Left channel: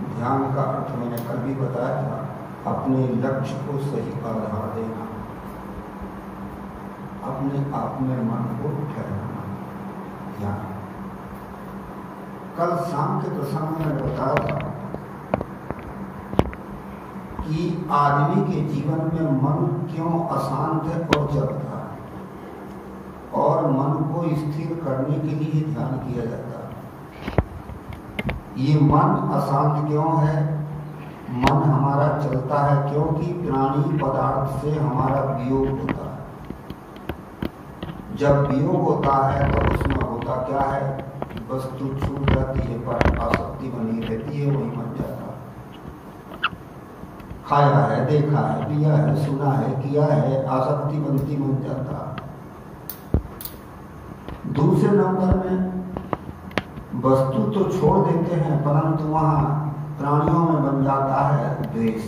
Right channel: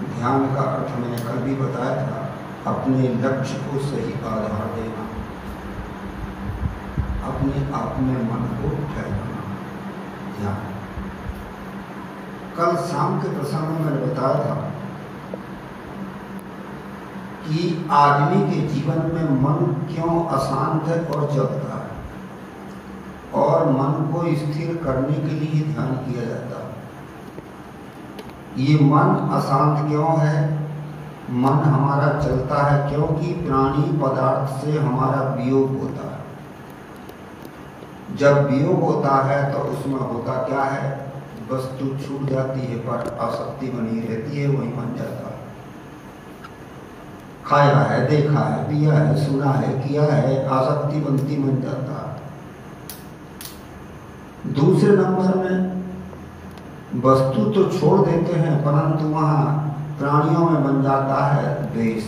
ध्यान का अर्थ मैंने कल भी बताया था, अपने लक्ष्य को सही आधार देना, अपने आप में मन को ठहराना। ध्यान कल शाम के प्रसंग में मैंने बताया था कि आदमी के जीवन में मन क्यों अशांत है और जगता है, और मन को स्थिर करने के लिए ध्यान किया जाता है। ये मन अशांत क्यों है? मन हमारा चलता है क्योंकि प्राणी पदार्थ से हमारा वियोग होता है। जब वियोग होता है तो उसमें होता क्या है? वस्तु छूट जाती है पर आसक्ति बनी रहती है, वही बन जाता है। खाया है, देखा है, पिया है, सुना है, किया है, आसक्ति बनती बन जाता है। दूसरे नंबर में वस्तु तो छोड़ देते हैं परंतु वहाँ प्राणियों में बन जाता है द्वेष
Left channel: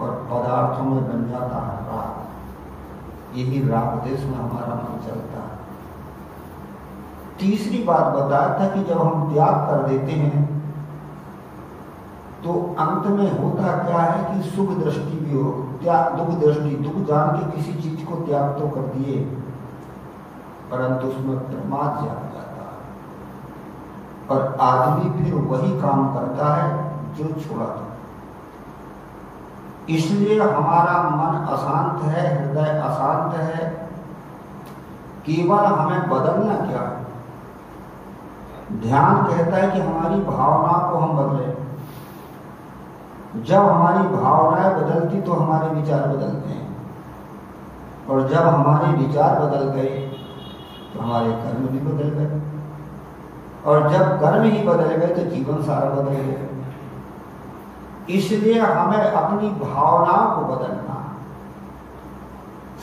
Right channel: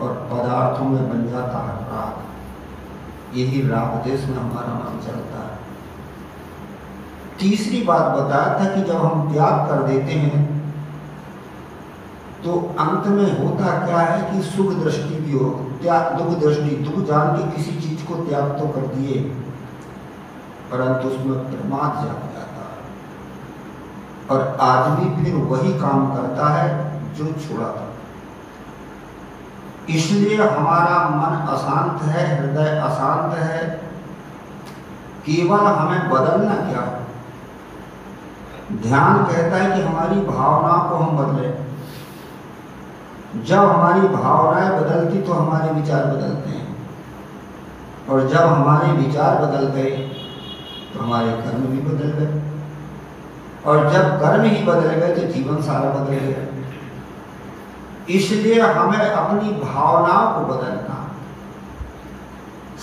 और पदार्थों में बन जाता है राग। यही राग देश में हमारा मन चलता है। तीसरी बात बताया था कि जब हम त्याग कर देते हैं तो अंत में होता क्या है कि सुख दृष्टि भी हो, दुख दृष्टि, दुख जान के किसी चीज को त्याग तो कर दिए परंतु उसमें प्रमाद जाग जाता है और आदमी फिर वही काम करता है जो छोड़ा था। इसलिए हमारा मन अशांत है, हृदय अशांत है। केवल हमें बदलना क्या है? ध्यान कहता है कि हमारी भावना को हम बदलें। जब हमारी भावनाएं बदलती तो हमारे विचार बदलते हैं, और जब हमारे विचार बदल गए तो हमारे कर्म भी बदल गए, और जब कर्म ही बदल गए तो जीवन सारा बदल गया। इसलिए हमें अपनी भावनाओं को बदलना।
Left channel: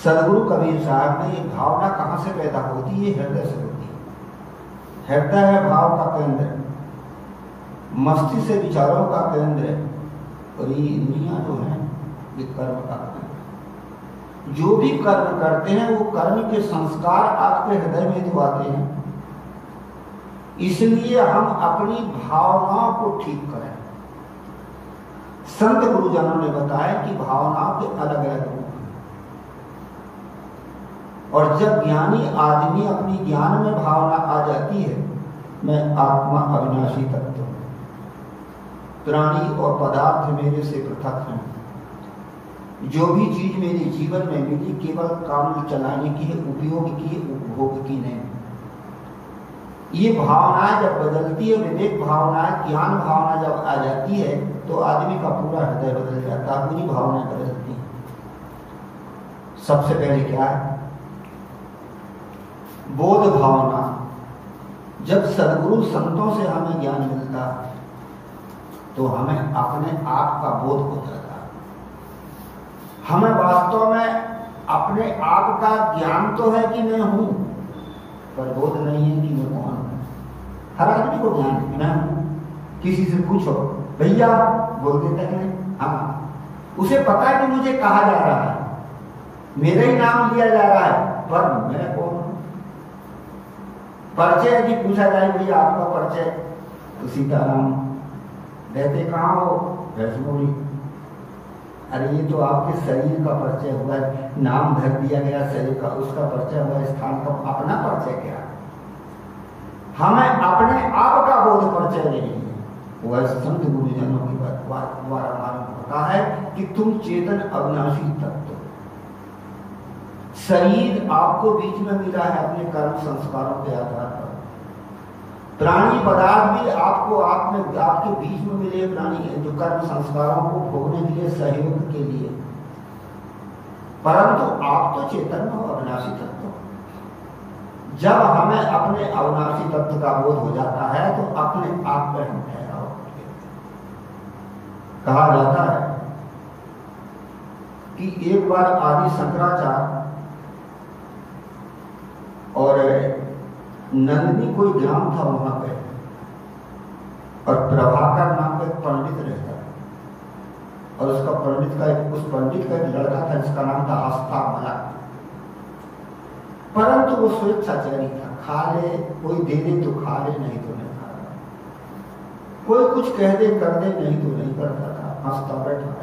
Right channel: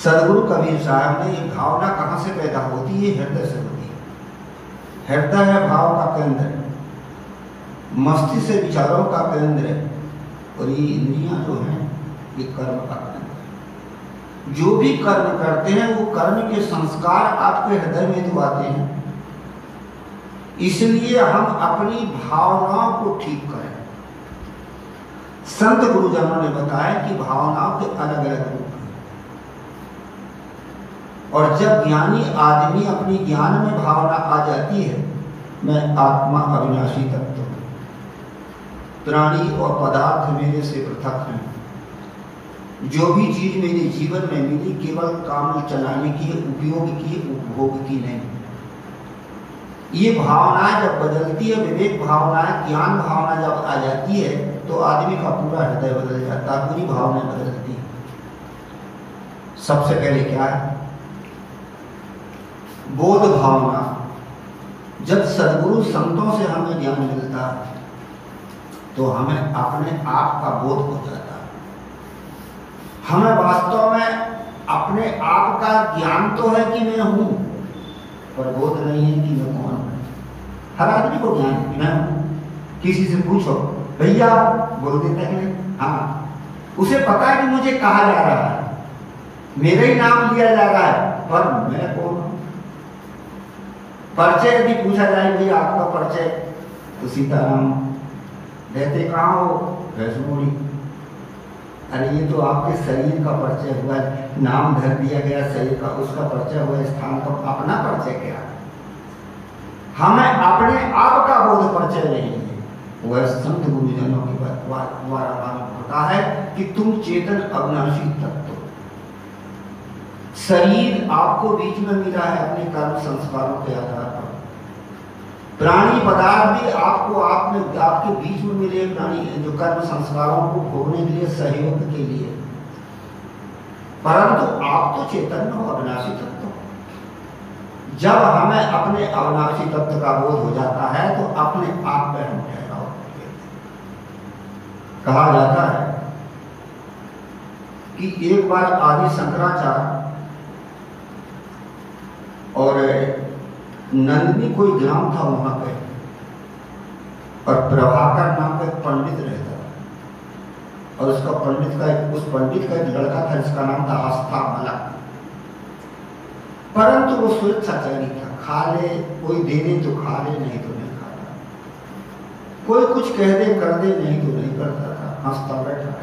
सदगुरु कबीर साहब ने ये भावना कहाँ से पैदा होती है? हृदय से होती है। हृदय है भाव का केंद्र, मस्तिष्क से विचारों का केंद्र है, और ये इंद्रियां जो हैं ये कर्म का केंद्र। जो भी कर्म करते हैं वो कर्म के संस्कार आपके हृदय में तो आते हैं। इसलिए हम अपनी भावनाओं को ठीक करें। संत गुरुजनों ने बताया कि भावनाओं के अलग अलग रूप हैं, और जब ज्ञानी आदमी अपनी ज्ञान में भावना आ जाती है, मैं आत्मा अविनाशी तत्व हूं, प्राणी और पदार्थ मेरे से पृथक हैं, जो भी चीज मेरे जीवन में मिली केवल काम चलाने की, उपयोग की, उपभोग की नहीं। ये भावनाएं जब बदलती है, विवेक भावनाएं, ज्ञान भावना जब आ जाती है तो आदमी का पूरा हृदय बदल जाता है, पूरी भावनाएं बदलती हैं। सबसे पहले क्या है? बोध भावना। जब सद्गुरु संतों से हमें ज्ञान मिलता है तो हमें अपने आप का बोध हो जाता है। हमें वास्तव में अपने आप का ज्ञान तो है कि मैं हूं, पर बोध नहीं है कि मैं कौन हूं। हर आदमी को ज्ञान है मैं हूं। किसी से पूछो भैया, बोल देता है हाँ, उसे पता है कि मुझे कहा जा रहा है, मेरा ही नाम लिया जा रहा है, पर मैं कौन हूं? परिचय यदि पूछा जाए भैया आपका परिचय, तो सीताराम। रहते कहाँ हो? वैष्णोरी। अरे ये तो आपके शरीर का परिचय हुआ है, नाम धर दिया गया शरीर का, उसका परिचय हुआ स्थान का, अपना परिचय क्या है? हमें अपने आप का बोध परिचय नहीं है। वह संत गुरुजनों के द्वारा मालूम होता है कि तुम चेतन अविनाशी तत्व। शरीर आपको बीच में मिला है अपने कर्म संस्कारों के आधार पर। प्राणी पदार्थ भी आपको आप में आपके बीच में मिले, प्राणी जो कर्म संस्कारों को भोगने के लिए, सहयोग के लिए, परंतु आप तो चेतन हो, अविनाशी तत्व। जब हमें अपने अविनाशी तत्व का बोध हो जाता है तो अपने आप में हम ठहराव होते हैं। कहा जाता है कि एक बार आदि शंकराचार्य और नंदनी कोई ग्राम था वहां पे, और प्रभाकर नाम का एक पंडित रहता था, और उसका पंडित का उस पंडित का एक लड़का था जिसका नाम था हस्तामलक। परंतु वो स्वेच्छाचारी था, खा ले कोई दे दे तो खा ले, नहीं तो नहीं खा ले। कोई कुछ कह दे कर दे, नहीं तो नहीं करता था, हंसता बैठा रहता।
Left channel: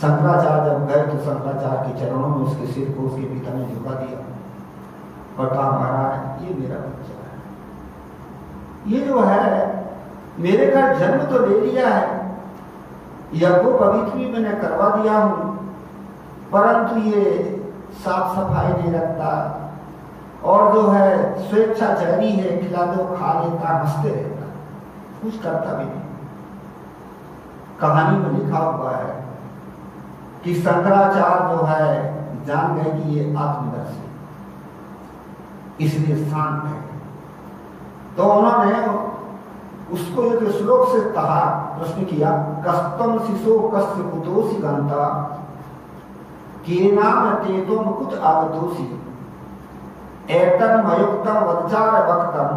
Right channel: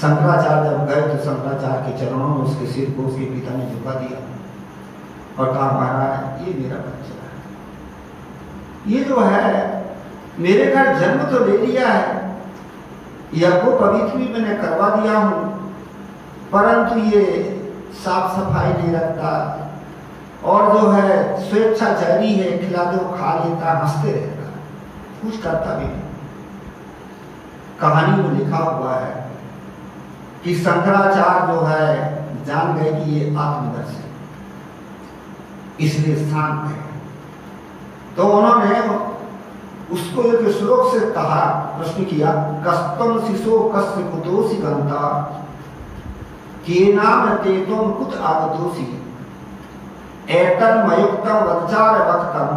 शंकराचार्य जब गए तो शंकराचार्य के चरणों में उसके सिर को उसके पिता ने झुका दिया और कहा, महाराज ये मेरा बच्चा है, ये जो है मेरे घर जन्म तो ले लिया है, यज्ञ पवित्र भी मैंने करवा दिया हूं, परंतु ये साफ सफाई नहीं रखता और जो है स्वेच्छाचारी है, खिला दो खा लेता, हंसते रहता, कुछ करता भी नहीं। कहानी में लिखा हुआ है कि शंकराचार्य जो है जान गए कि ये आत्मदर्शी, इसलिए शांत है, तो उन्होंने उसको एक श्लोक से कहा, प्रश्न किया, कस्तम शिशो कस्य कुतोषि गंता केनाम तेतोम कुत आगतोषि एतन्मयुक्तम वज्जार वक्तम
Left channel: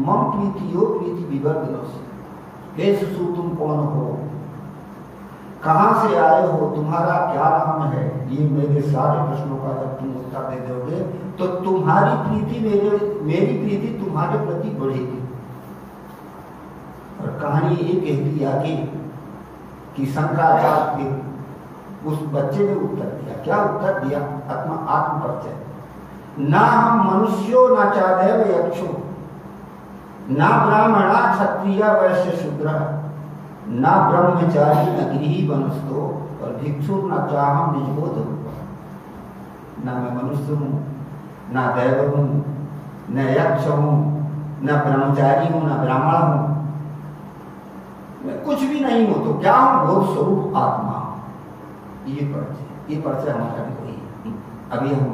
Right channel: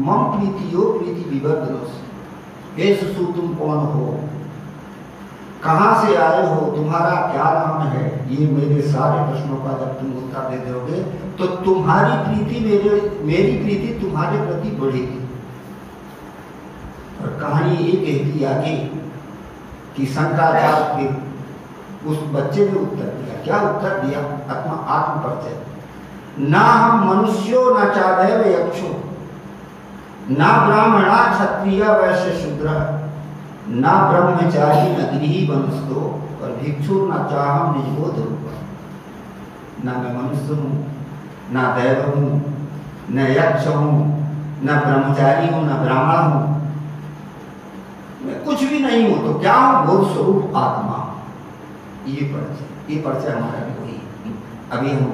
मम प्रीतियो प्रीति विवर्धनोस। हे शिशु, तुम कौन हो, कहां से आए हो, तुम्हारा क्या नाम है, ये मेरे सारे प्रश्नों का जब तुम उत्तर दे दोगे तो तुम्हारी प्रीति मेरी प्रीति तुम्हारे प्रति बढ़ेगी। और कहानी ये कहती आगे कि शंकराचार्य के उस बच्चे ने उत्तर दिया, क्या उत्तर दिया, आत्म परिचय, ना हम मनुष्यो न चादैव यक्षो ना ब्राह्मणा क्षत्रिय वैश्य शूद्र ना ब्रह्मचारी न गृही वंशो और भिक्षु न चाहम निजबोध रूप। न मैं मनुष्य हूँ, न दैव हूँ, न यक्ष हूँ, न ब्रह्मचारी हूँ, न ब्राह्मण हूँ, मैं कुछ भी नहीं हूँ, तो क्या हूँ, बोध स्वरूप आत्मा। ये परिचय हमारा वही। अभी हम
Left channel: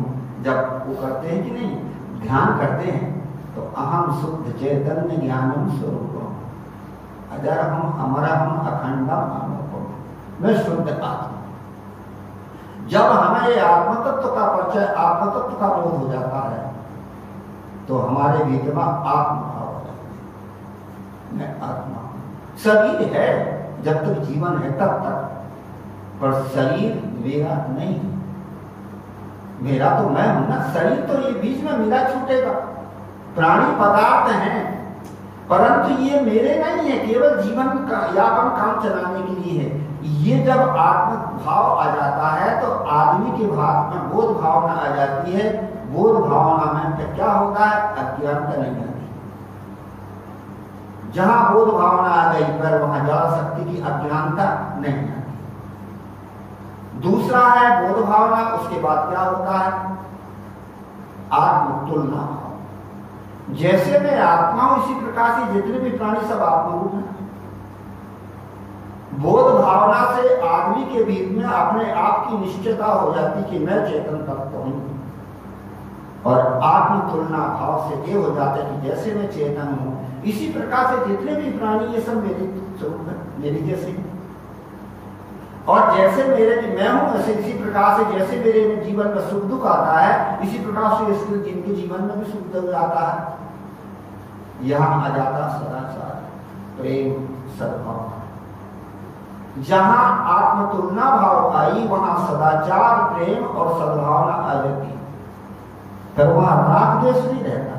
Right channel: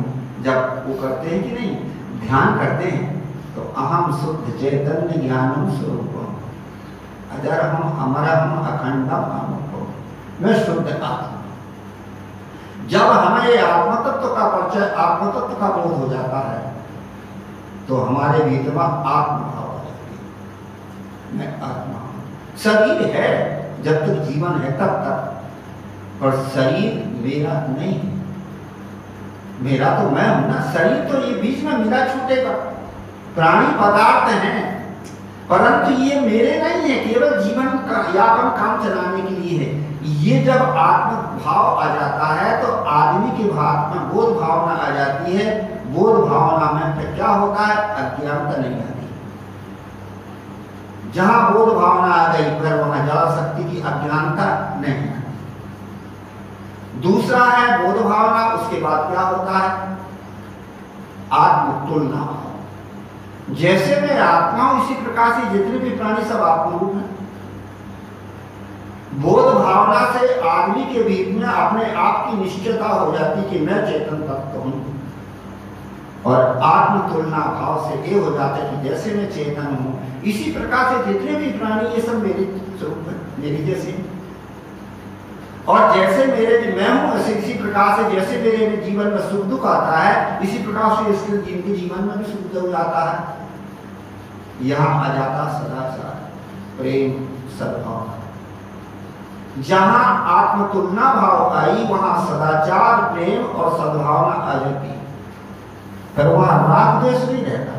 जब वो करते हैं कि नहीं, ध्यान करते हैं, तो अहम शुद्ध चैतन्य ज्ञानम स्वरूपम अजर हम अखंडम अनूपम, मैं शुद्ध आत्मा। जब हमें ये आत्मतत्व का परिचय, आत्मतत्व का बोध हो जाता है, तो हमारे भीतर में आत्मभाव आ जाती है, मैं आत्मा। शरीर है जब तक जीवन है तब तक, पर शरीर मेरा नहीं है, मेरा तो मैं हूं ना, शरीर तो ये बीच में मिला छूटेगा, प्राणी पदार्थ हैं, परंतु ये मेरे नहीं है, केवल जीवन का यापन काम चलाने के लिए है। ये जब आत्म भाव आ जाता है तो आदमी के भाव में बोध भावना आ जाती है। बोध भावना में फिर क्या होता है, अज्ञानता नहीं आती। जहां बोध भावना आ गई फिर वहां ज्ञान शक्ति की अज्ञानता नहीं आती। दूसरा है बोध भावना, उसके बाद क्या होता है, आत्म तुलना भाव। जैसे मैं आत्मा हूं उसी प्रकार से जितने भी प्राणी सब आत्मरूप हैं। बोध भावना से आदमी के बीच में अपने आप की निश्चयता हो जाती कि मैं चेतन तत्व हूं, और आत्म तुलना भाव से ये हो जाता है कि जैसे मैं चेतन हूं इसी प्रकार से जितने भी प्राणी ये सब मेरे स्वरूप है, मेरी जैसे। और जैसे मेरे मैं हूं ऐसे इसी प्रकार से जैसे मेरे जीवन में सुख दुख आता है, इसी प्रकार से इसके जिनके जीवन में भी सुख दुख आता है। यहां आ जाता सदाचार, प्रेम, सद्भावना। जहां आत्म तुलना भाव आई वहां सदाचार, प्रेम और सद्भावना आ जाती, फिर वहां राग द्वेष नहीं रहता।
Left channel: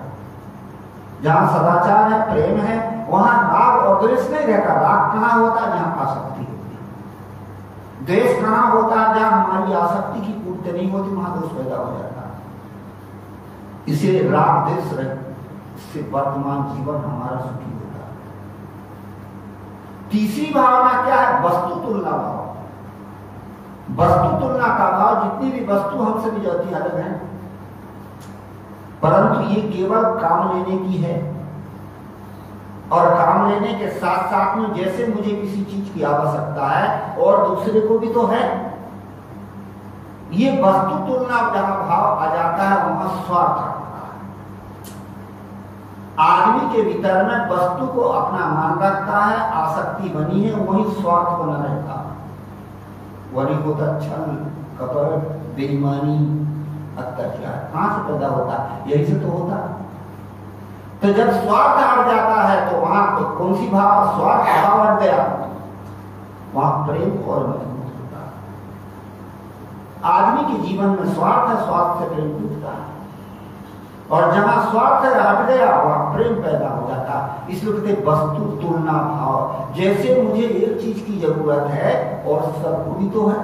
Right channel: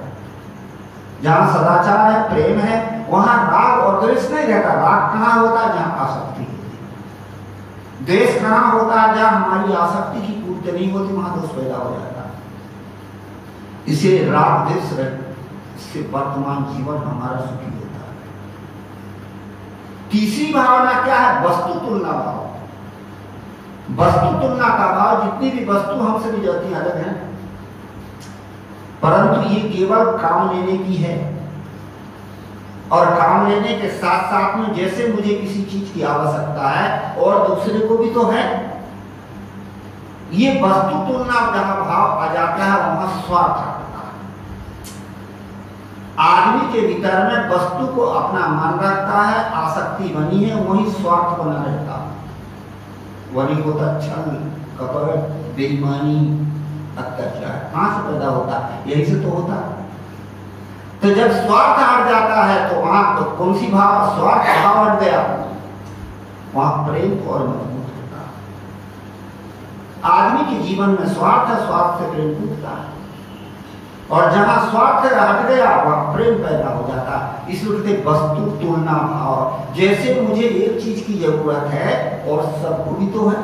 जहां सदाचार है, प्रेम है, वहां राग और द्वेष नहीं रहता। राग कहां होता है, जहां आसक्ति होती है। द्वेष कहां होता है, जहां हमारी आसक्ति की पूर्ति नहीं होती, वहां दोष पैदा हो जाता है। इसे राग द्वेष रहे, इससे वर्तमान जीवन हमारा सुखी होता है। तीसरी भावना क्या है, वस्तु तुलना भाव। वस्तु तुलना का भाव, जितनी भी वस्तु हमसे भी जाती अलग है, परंतु ये केवल काम लेने की है। और काम लेने के साथ साथ में जैसे मुझे किसी चीज की आवश्यकता है और दूसरे को भी तो है, ये वस्तु तुलना जहां भाव आ जाता है वहां स्वार्थ आता है। आदमी के भीतर में वस्तु को अपना मान रखता है, आसक्ति बनी है, वही स्वार्थ बना रहता है। वही होता छल, कपट, बेईमानी, अत्याचार। कहां से पैदा होता है, यही से तो होता है। तो जब स्वार्थ हट जाता है तो वहां तो कौन सी भाव, स्वार्थ भाव हट गया, वहां प्रेम और मजबूत होता है। आदमी के जीवन में स्वार्थ है, स्वार्थ से प्रेम टूटता है। और जहां स्वार्थ हट गया वहां प्रेम पैदा हो जाता है। इसलिए कहते वस्तु तुलना भाव, जैसे मुझे एक चीज की जरूरत है और सबको भी तो है,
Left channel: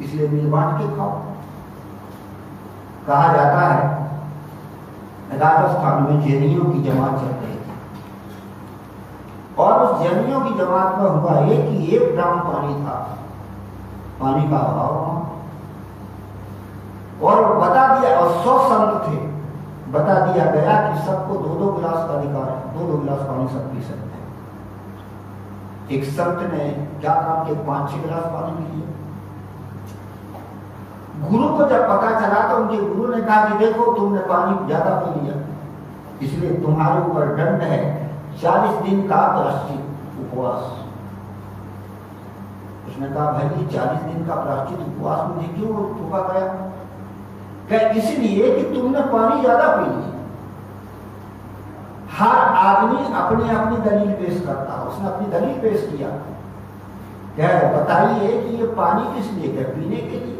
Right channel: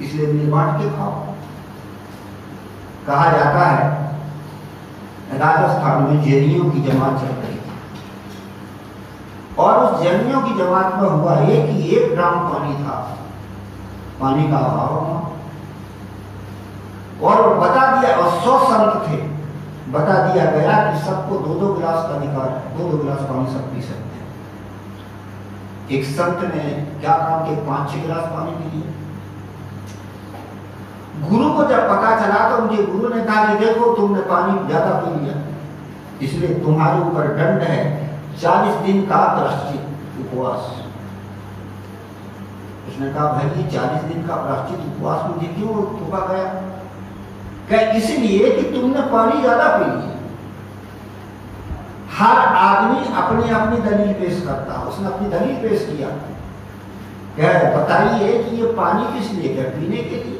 इसलिए मिल बांट के खाओ। कहा जाता है राजस्थान में जैनियों की जमात चल रही थी और उस जैनियों की जमात में हुआ कि 1 ग्राम पानी था, पानी का अभाव और बता दिया, और 100 संत थे, बता दिया गया कि सबको 2-2 गिलास का अधिकार है, 2-2 गिलास पानी सब पी सकते हैं। एक संत ने क्या काम किया, 5-6 गिलास पानी पी लिए। गुरु को जब पता चला तो उनके गुरु ने कहा कि देखो तुमने पानी ज्यादा पी लिया, इसलिए तुम्हारे ऊपर दंड है 40 दिन का प्रायश्चित उपवास। उसने कहा भाई 40 दिन का प्रायश्चित उपवास मुझे क्यों थोपा गया? क्या इसलिए कि तुमने पानी ज्यादा पी लिया। हर आदमी अपनी अपनी दलील पेश करता है, उसने अपनी दलील पेश किया, क्या बताइए कि ये पानी किस लिए, क्या पीने के लिए,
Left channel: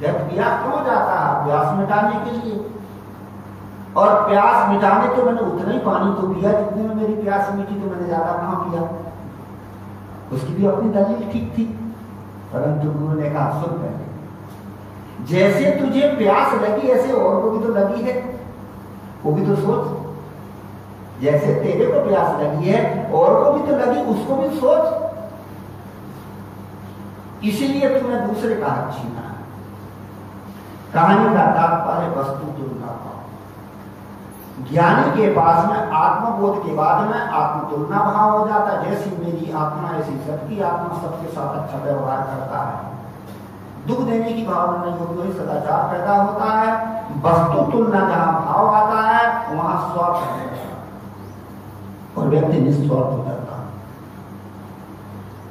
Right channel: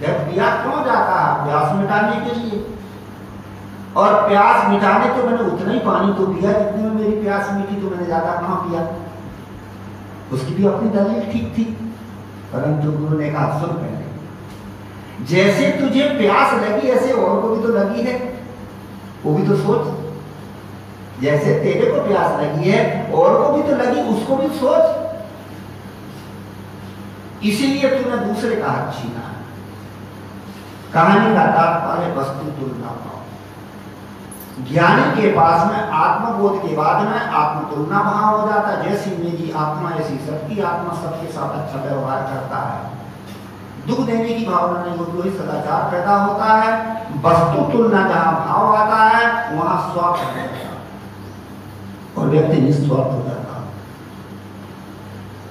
पिया क्यों जाता है, प्यास मिटाने के लिए, और प्यास मिटाने तो मैंने उतना ही पानी तो पिया जितने में मेरी प्यास मिटी, तो मैंने ज्यादा कहां पिया। उसकी भी अपनी दलील ठीक थी, परंतु गुरु ने कहा सुन पहले, जैसे तुझे प्यास लगी ऐसे और को भी तो लगी है, वो भी तो सोच। जैसे तेरे को प्यास लगी है और को भी तो लगी, उसको भी सोच। इसीलिए तुमने दूसरे का हाथ छीना है। कहानी का तात्पर्य वस्तु तुलना भाव। ज्ञानी के पास में आत्मबोध के बाद में आत्म तुलना भाव हो जाता है, जैसी मेरी आत्मा ऐसी सबकी आत्मा, सबके साथ अच्छा व्यवहार करता है, दुख देने की भावना नहीं होती, वही सदाचार पैदा होता है। वस्तु तुलना जहां भाव आता है वहां स्वार्थ हो जाता है और व्यक्ति निस्वार्थ हो जाता है।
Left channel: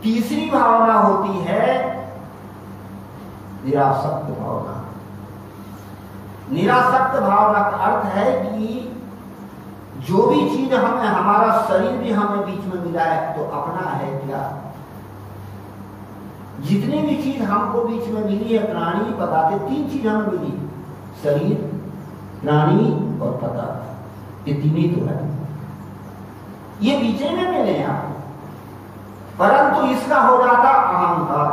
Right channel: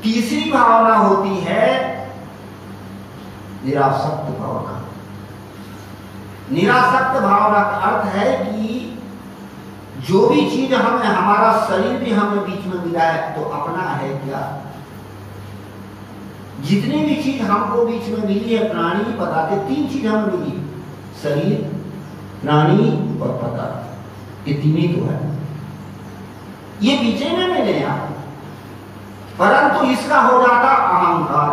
तीसरी भावना होती है निरासक्त भावना। निरासक्त भावना का अर्थ है कि जो भी चीज हमें, हमारा शरीर भी हमें बीच में मिला है तो अपना है क्या? जितनी भी चीज हमको बीच में मिली है, प्राणी पदार्थ, 3 चीज हमें मिली, शरीर, प्राणी और पदार्थ, ये 3 ही तो है। ये बीचे में मिले हैं, परंतु इसका हो जाता अहंकार,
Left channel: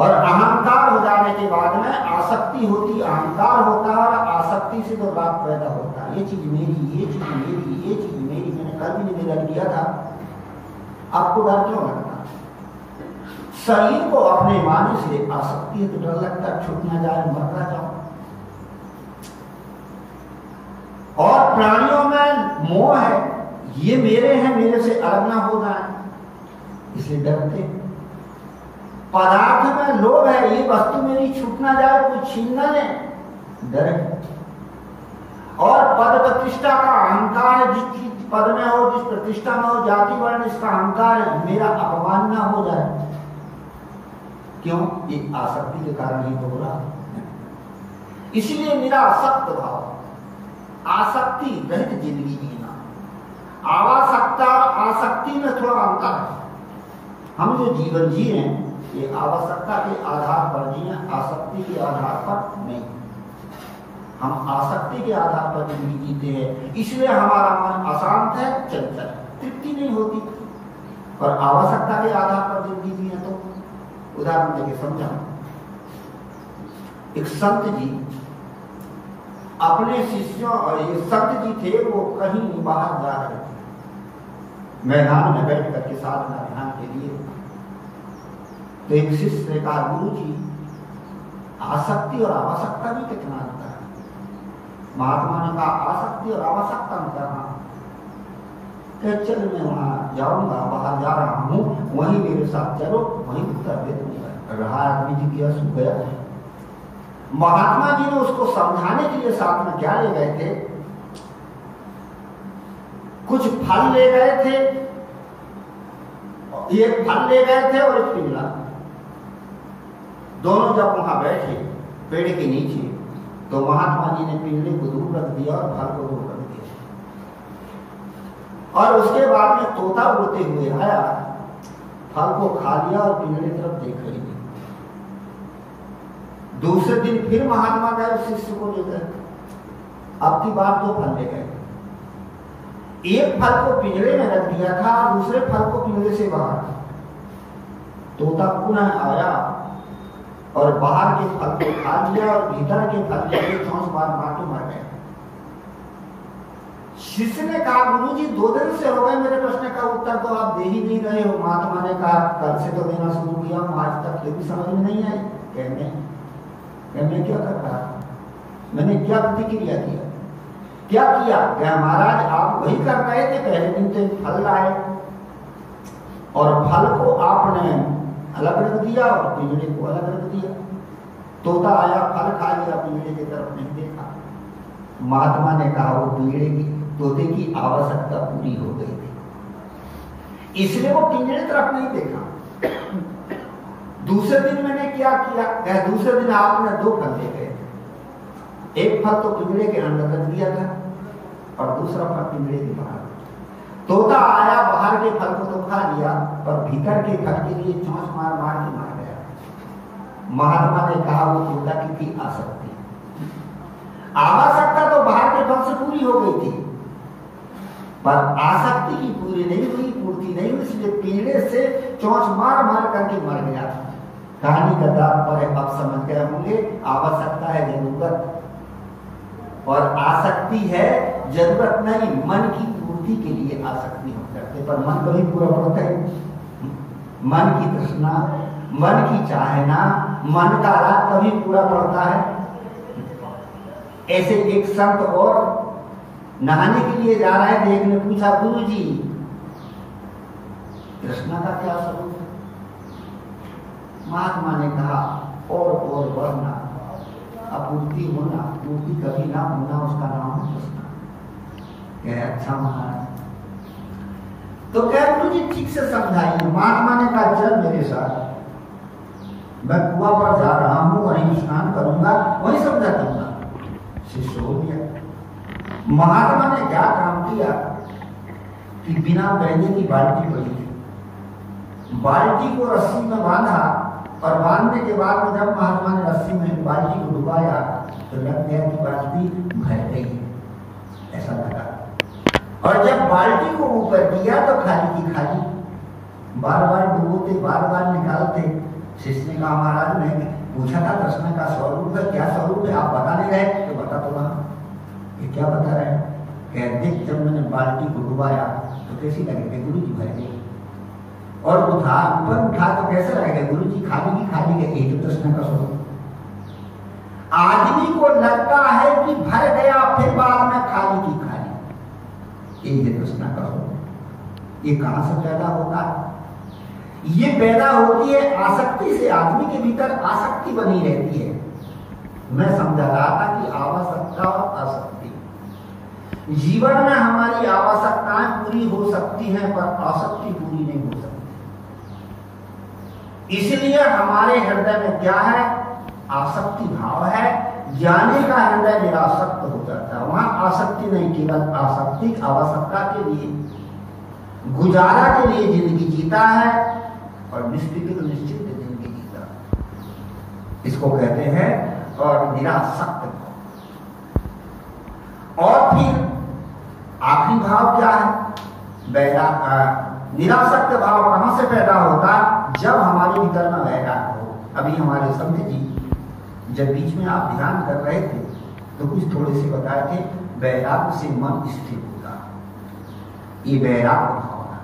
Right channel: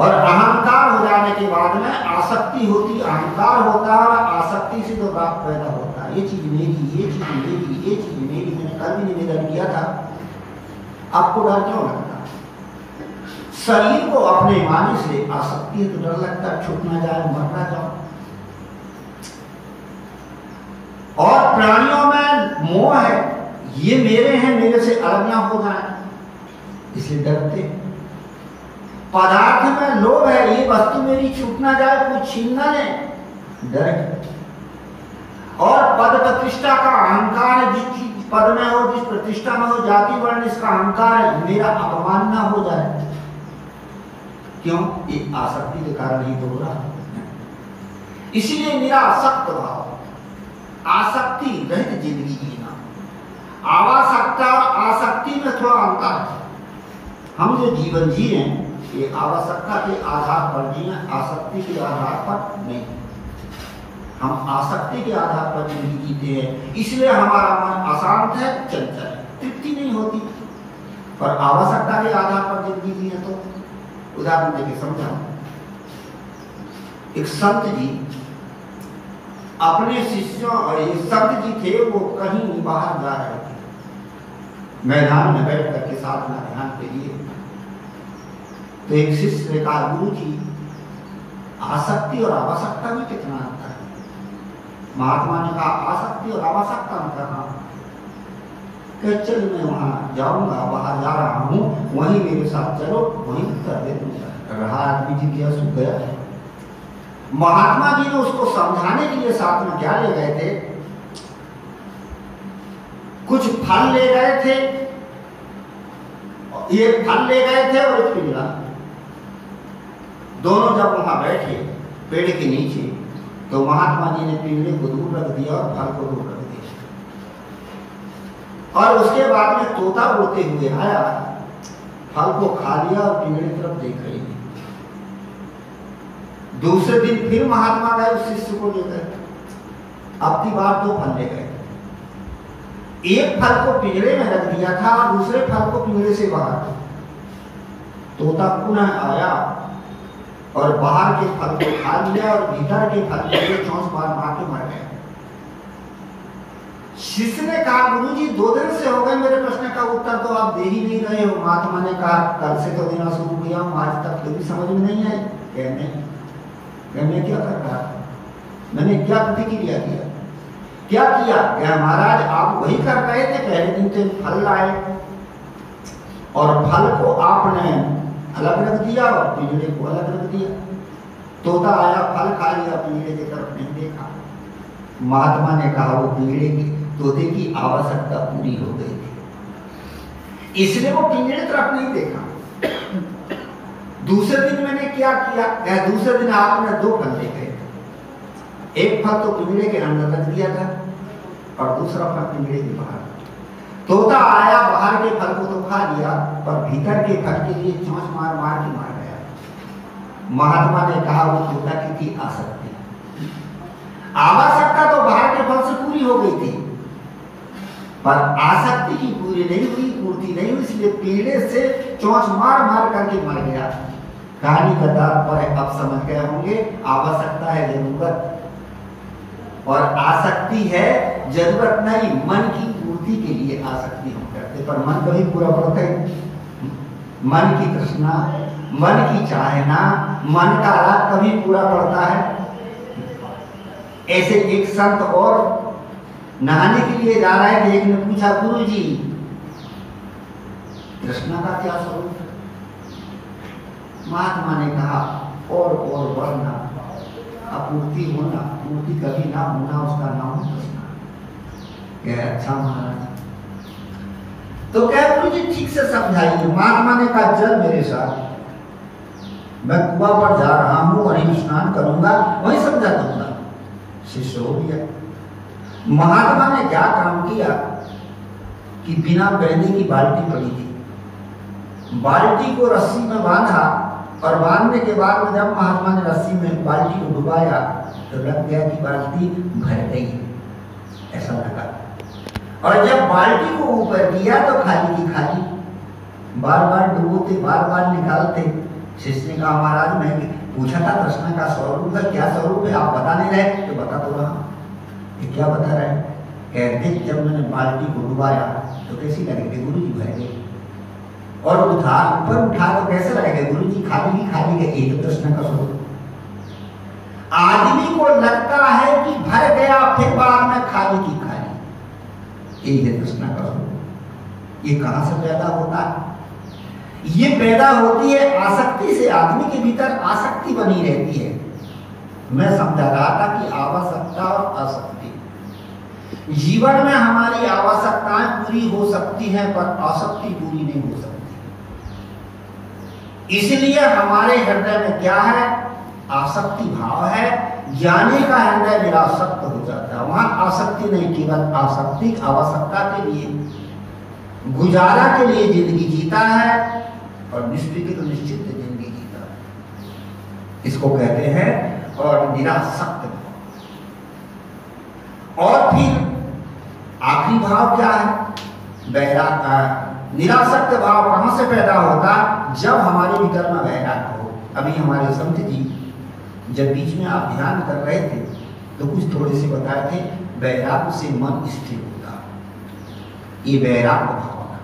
और अहंकार हो जाने के बाद में आसक्ति होती, अहंकार होता है और आसक्ति से तो राग पैदा होता है। ये चीज मेरी, ये चीज मेरी, ये चीज मेरी। मैंने कल भी निवेदन किया था, आपको डर क्यों लगता? शरीर को अपने माने से आसक्ति है तो डर लगता है छूट ना जाए, मर ना जाओ। और प्राणियों में मोह है, ये मेरे हैं, मेरे से अलग ना हो जाए, इसलिए डरते। पदार्थ में लोभ है, ये वस्तु मेरी छूट ना जाए, कोई छीन ना ले, डर है। और पद प्रतिष्ठा का अहंकार है, जिस चीज पद में हो, जिस प्रतिष्ठा में हो, जाति वर्ण, इसका अहंकार है, मेरा अपमान ना हो जाए। क्यों? ये आसक्ति के कारण ही तो हो रहा है। इसलिए निरासक्त भाव, आसक्ति रहित जिंदगी जीना। आवासक्ता और आसक्ति में थोड़ा अंतर है। हम जो जीवन जी रहे हैं ये आवश्यकता के आधार पर जिए, आसक्ति के आधार पर नहीं। हम आसक्ति के आधार पर जिंदगी जीते हैं, इसलिए हमारा मन अशांत है, चंचल है, तृप्ति नहीं होती। पर आवश्यकता के आधार पर जिंदगी जिए तो उदाहरण देके समझाऊं। एक संत जी अपने शिष्यों, और ये संत जी थे, वो कहीं बाहर जा रहे थे, मैदान में बैठ करके साधना ध्यान के लिए। तो एक शिष्य ने कहा, गुरु जी आसक्ति और आवश्यकता में कितना अंतर है? महात्मा ने कहा, आसक्ति और आवश्यकता में करना। चल मैं वहां जाऊंगा, बाहर जा रहा हूं, वहीं मेरे साथ चलो, वहीं कर दे दूंगा। रहा आदमी जी क्या सूख गया। महात्मा जी ने उसको समझाने के लिए साथ में क्या ले गए थे? कुछ फल ले गए थे, एक फल ले गए थे और एक पिंडा। दोनों जब वहां बैठे पेड़ के नीचे, तो महात्मा जी ने पिंडे को दूर रख दिया और फल को दूर रख दिया। और उसके बाद में तोता उड़ते हुए आया, फल को खा लिया और पिंडे की तरफ देख रही थी। दूसरे दिन फिर महात्मा गए, उस शिष्य को लेकर अब की बार 2 फल ले गए। एक फल को पिंजरे में रख दिया था और दूसरे फल को पिंजरे से बाहर। तोता पुनः आया और बाहर के फल को खा लिया और भीतर के फल के लिए चोंच मार मार के मर गए। शिष्य ने कहा, गुरुजी 2 दिन से हो गए, मेरे प्रश्न का उत्तर तो आप दे ही नहीं रहे हो। महात्मा ने कहा, कल से तो देना शुरू किया हूं, आज तक तो भी समझ में नहीं आई। मैं क्या कर रहा था, मैंने क्या प्रतिक्रिया किया, क्या किया? क्या महाराज आप वही कर रहे थे, पहले दिन तो फल लाए और फल को आपने अलग रख दिया और पिंजरे को अलग रख दिया। तोता आया, फल खा लिया, पिंजरे की तरफ नहीं देखा। महात्मा ने कहा, वो पिंजरे की तोते की आवश्यकता पूरी हो गई थी, इसलिए वो पिंजरे तरफ नहीं देखा। दूसरे दिन मैंने क्या किया? दूसरे दिन आपने 2 फल ले गए। एक फल तो पिंजरे के अंदर रख दिया था और दूसरा फल पिंजरे के बाहर। तोता आया, बाहर के फल को तो खा लिया, पर भीतर के फल के लिए चोंच मार मार के मार गया। महात्मा ने कहा, वो तोता की थी आसक्ति। आवश्यकता तो बाहर के फल से पूरी हो गई थी, पर आसक्ति की पूरी नहीं हुई, पूर्ति नहीं हुई, इसलिए पिंजरे से चोंच मार मार करके मर गया। कहानी का तात्पर्य अब समझ गए होंगे। आवश्यकता है जरूरत और आसक्ति है जरूरत नहीं। मन की पूर्ति के लिए आसक्ति हम करते, पर मन कभी पूरा पड़ता है? मन की तृष्णा, मन की चाहना, मन का राग कभी पूरा पड़ता है? ऐसे एक संत और नहाने के लिए जा रहे थे। एक ने पूछा, गुरुजी तृष्णा का क्या स्वरूप है? महात्मा ने कहा, और बढ़ना, अपूर्ति होना, पूर्ति कभी ना होना, उसका नाम है तृष्णा। कह अच्छा महाराज, तो कह गुरुजी ठीक से समझाइए। महात्मा ने कहा, चल मेरे साथ, मैं कुआं पर जा रहा हूं, वहीं स्नान करूंगा, वहीं समझा दूंगा। शिष्य हो गया। महात्मा ने क्या काम किया कि बिना बहने की बाल्टी पड़ी थी, बाल्टी को रस्सी में बांधा और बांधने के बाद में जब महात्मा ने रस्सी में बाल्टी को डुबाया तो लग गया कि बाल्टी भर गई, ऐसा लगा। और जब बाल्टी को ऊपर किया तो खाली की खाली, बार बार डुबोते, बार बार निकालते। शिष्य ने कहा, महाराज मैं पूछा था तृष्णा का स्वरूप है, क्या स्वरूप है, आप बता नहीं रहे? तो बता तो रहा। ये क्या बता रहे? कहते जब मैंने बाल्टी को डुबाया तो कैसी लगी? गुरुजी भर गई। और ऊपर उठा तो कैसे रहेगा? गुरुजी खाली की खाली है। एक तृष्णा का स्वरूप। आदमी को लगता है कि भर गया, फिर बाद में खाली की खाली, एक तृष्णा का स्वरूप। ये कहां से पैदा होता है? ये पैदा होती है आसक्ति से। आदमी के भीतर आसक्ति बनी रहती है। मैं समझा रहा था कि आवश्यकता और आसक्ति, जीवन में हमारी आवश्यकताएं पूरी हो सकती हैं पर आसक्ति पूरी नहीं हो सकती। इसलिए हमारे हृदय में क्या है? आसक्ति भाव है। ज्ञानी का हृदय निरासक्त हो जाता है। वहां आसक्ति नहीं, केवल आसक्ति आवश्यकता के लिए, गुजारा के लिए जिंदगी जीता है और निश्चित जिंदगी जीता। इसको कहते हैं और निरासक्त भाव। और फिर आखिरी भाव क्या है? निरासक्त भाव कहां से पैदा होता है? जब हमारे भीतर में वैराग्य हो। अभी हमारे संत जी जब बीच में आप ध्यान कर रहे थे तो कुछ थोड़े से बताए थे, वैराग्य से मन स्थिर होता। ये वैराग्य भावना,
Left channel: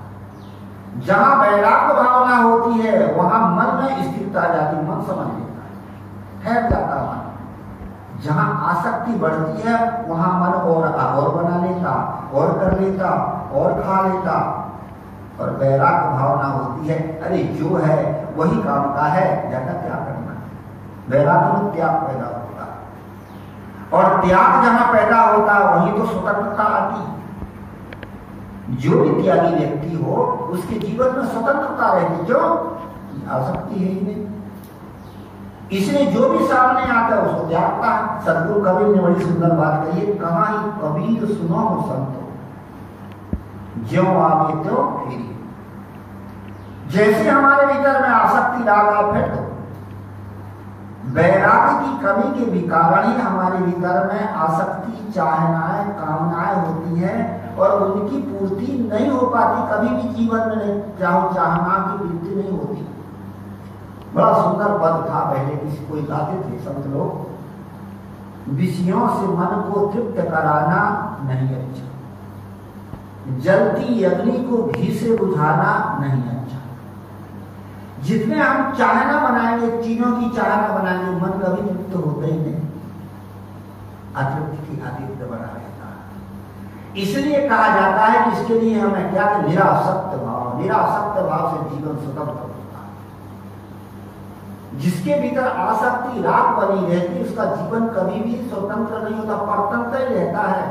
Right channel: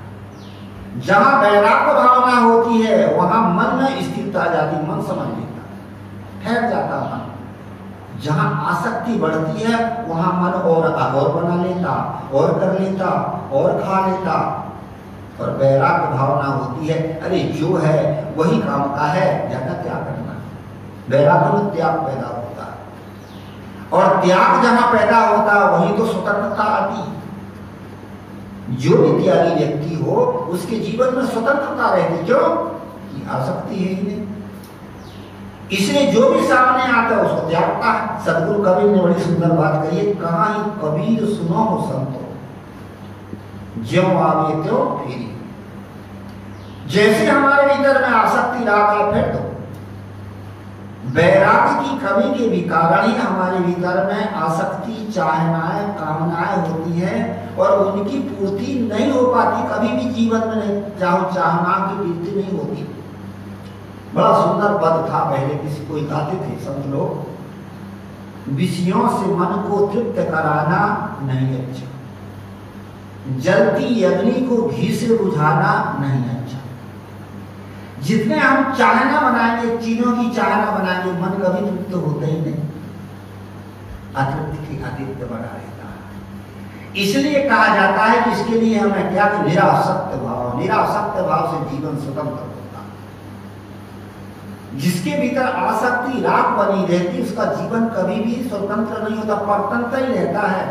जहां वैराग्य भावना होती है वहां मन में स्थिरता आ जाती, मन समझ लेता, ठहर जाता मन। जहां आसक्ति बढ़ती है वहां मन और बना लेता, और कर लेता, और खा लेता। और वैराग्य भावना होती है, अरे जो है वही काम का है, ज्यादा क्या करना। वैराग्य में त्याग पैदा होता है और त्याग जहां पैदा होता है वहीं तो स्वतंत्रता आती। जो भी त्यागी व्यक्ति हो उसके जीवन में स्वतंत्रता रहती। क्यों? आसक्ति है ही नहीं। इसलिए जो भी सामने आता है उसको त्यागता है। सदगुरु कबीर ने बड़ी सुंदर बात कही है, कहा ही कबीर सुनो हो संतो, ज्यों आवे त्यों फेरी। जैसे हमारे भीतर में आसक्ति आ गया फिर तो वैराग्य की कमी के भी कारण ही हमारे भीतर में आसक्ति, चाहनाएं, कामनाएं होती हैं और उनकी पूर्ति नहीं हो पाती। कभी भी जीवन में नहीं चाहना की वृद्धि नहीं होती। बड़ा सुंदर पद था, पहले किसी कोई गाते थे संत लोग, विषयों से मन को तृप्त कराना नहीं अच्छा, जलती अग्नि को घी से बुझाना नहीं अच्छा। जितने हम चाहना बनाएंगे, चीजों की चाहना बनाएंगे, मन कभी तृप्त होते ही नहीं, अतृप्त की अतिरिक्त बना रहता है। इसलिए कहा जाता है कि इसके लिए हमें क्या, निरासक्त भाव, निरासक्त भाव से जीवन स्वतंत्र होता है। जिसके भीतर आसक्ति, राग बनी रहती, उसका जीवन कभी भी स्वतंत्र नहीं होता, परतंत्र ही रहता है।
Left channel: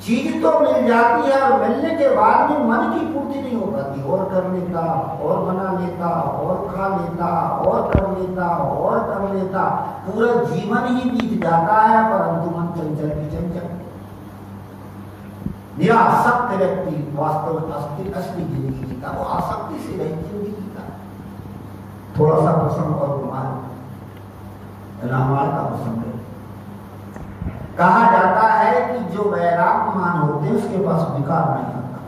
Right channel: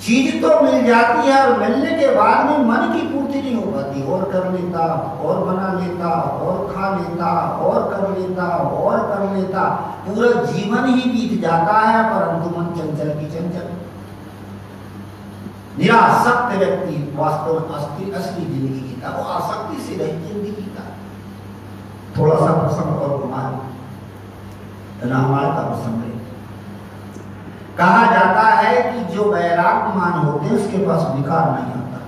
चीज तो मिल जाती है और मिलने के बाद में मन की पूर्ति नहीं हो पाती, और कर लेता, और बना लेता, और खा लेता, और कर लेता, और कर लेता, पूरा जीवन ही बीत जाता है, परंतु मन चंचल की चंचल। निरासक्त व्यक्ति वास्तव में असली जिंदगी जीता, वो आसक्ति से रही जिंदगी जीता। थोड़ा सा प्रसंग और घुमा रामायण का प्रसंग है। कहा जाता है कि जो वैराग्यमान होते हैं उसके पास विकार नहीं होता।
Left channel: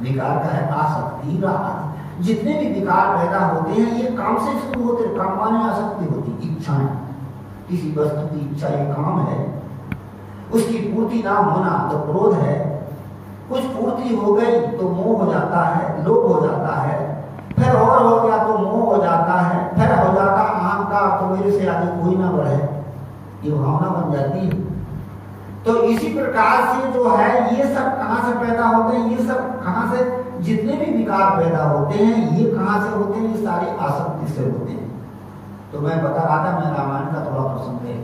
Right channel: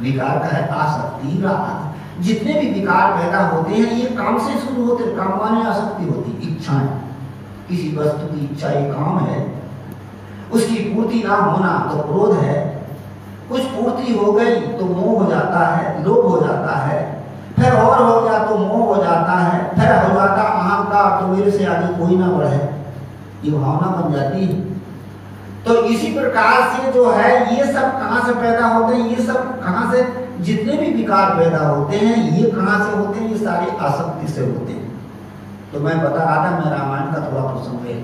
विकार का है आसक्ति, राग। जितने भी विकार पैदा होते हैं ये काम से शुरू होते हैं। काम माने आसक्ति होती, इच्छाएं, किसी वस्तु की इच्छा, एक काम है, उसकी पूर्ति ना होना तो क्रोध है, कुछ पूर्ति हो गई तो मोह हो जाता है, लोभ हो जाता है, फिर और हो गया तो मोह हो जाता है, फिर हो जाता अहंकार, तो मेरे से आगे कोई ना बढ़े, ये भावना बन जाती है। तो इसी प्रकार से जो है ये सब कहां से पैदा होते हैं, ये सब कहां से, जितने भी विकार पैदा होते हैं ये कहां से होते हैं, ये सारे आसक्ति से होते हैं। तो मैं बता रहा था, मैं रामायण का थोड़ा प्रसंग है।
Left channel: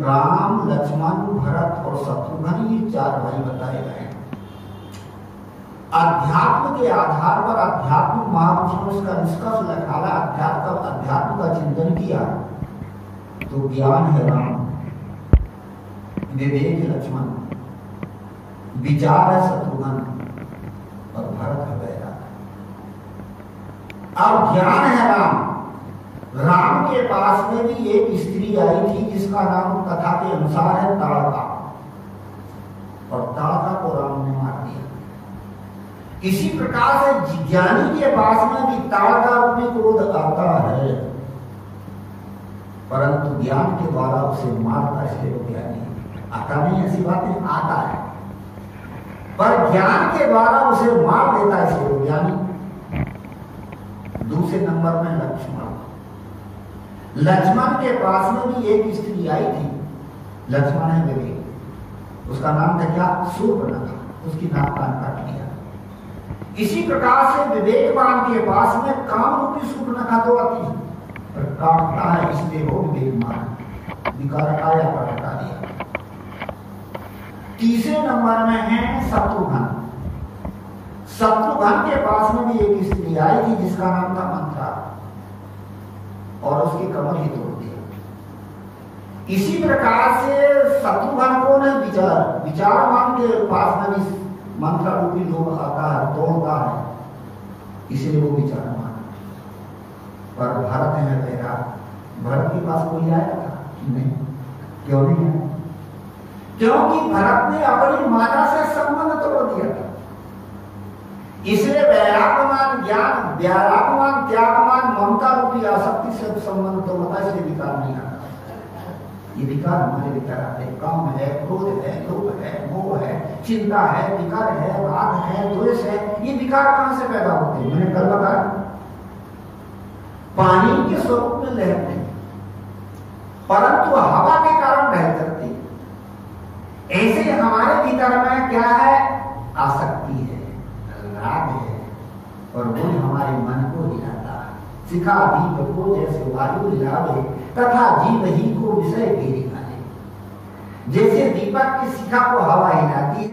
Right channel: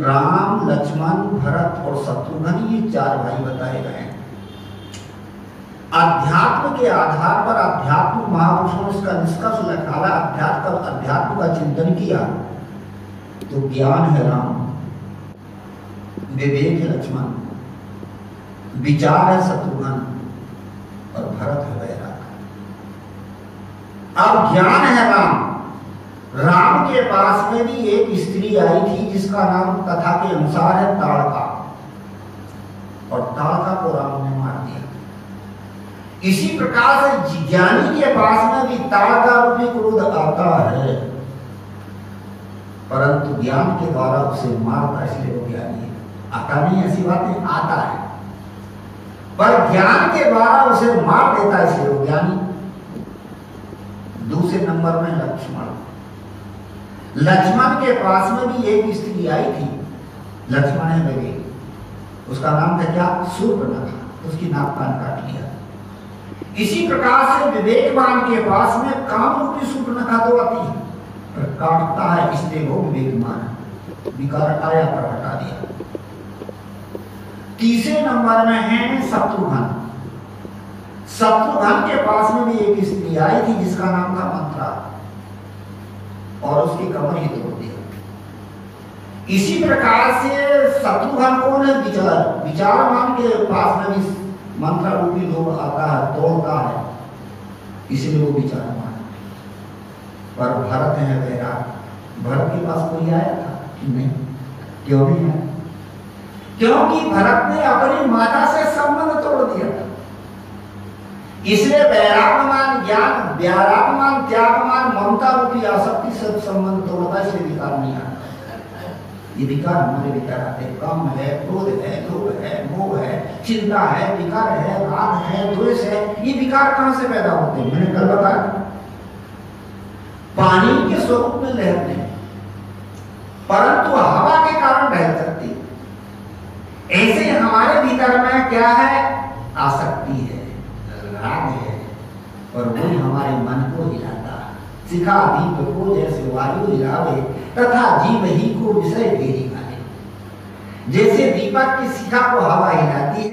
राम, लक्ष्मण, भरत और शत्रुघ्न, ये चार भाई बताए गए हैं। अध्यात्म के आधार पर अध्यात्म महापुरुषों ने इसका निष्कर्ष निकाला, अध्यात्म का चिंतन किया तो ज्ञान है राम, विवेक है लक्ष्मण, विचार है शत्रुघ्न और भरत है वैराग। अब ज्ञान है राम। राम के पास में भी एक स्त्री आई थी जिसका नाम कथा के अनुसार है ताड़का, और ताड़का को राम ने मार दिया। इसी प्रकार से ज्ञानी के पास में भी ताड़का रूपी क्रोध आता है, परंतु ज्ञान के द्वारा उसे मारता, इसलिए वो ज्ञानी है। आता नहीं, ऐसी बात नहीं, आता है, पर ज्ञान के द्वारा उसे मार देता है, इसलिए वो ज्ञानी। दूसरे नंबर में लक्ष्मण। लक्ष्मण के पास में भी एक स्त्री आई थी, लक्ष्मण है विवेक, उसका नाम था क्या, शूर्पणखा, उसकी नाक कान काट लिया। इसी प्रकार से विवेकवान के पास में काम रूपी शूर्पणखा तो आती है, काटता है, इसलिए वो विवेकमान, विकार आया पर हटा दिया। तीसरे नंबर में है शत्रुघ्न। शत्रुघ्न के पास में भी एक स्त्री आई थी जिसका नाम था मंत्रा, और उसकी कमर ही तोड़ दिया। इसी प्रकार से शत्रुघ्न कौन है, विचारवान के पास में भी मंत्रा रूपी लोग आता है, तोड़ता है, इसलिए वो विचारवान। पर भरत है वैराग। भरत के पास कोई आया था नहीं, क्यों नहीं आया, क्योंकि भरत ने अपनी माता से संबंध तोड़ दिया था। इसलिए वैराग्यमान ज्ञान, वैराग्यमान त्यागमान ममता रूपी आसक्ति से संबंध तोड़ता, इसलिए विकार नहीं आता। ये विकार हमारे विकार आते, काम है, क्रोध है, लोभ है, मोह है, चिंता है, विकार है, राग है, द्वेष है, ये विकार कहां से पैदा होते हैं, मैंने कल बताया। पानी के स्वरूप में लहर नहीं, परंतु हवा के कारण बह सकती है। ऐसे हमारे भीतर में क्या है, आसक्ति है, राग है, और वो हमारे मन को हिलाता। शिखा दीप को जैसे वायु हिलावे, तथा जीव ही को विषय फेरी माने। जैसे दीपक की शिखा को हवा हिलाती है,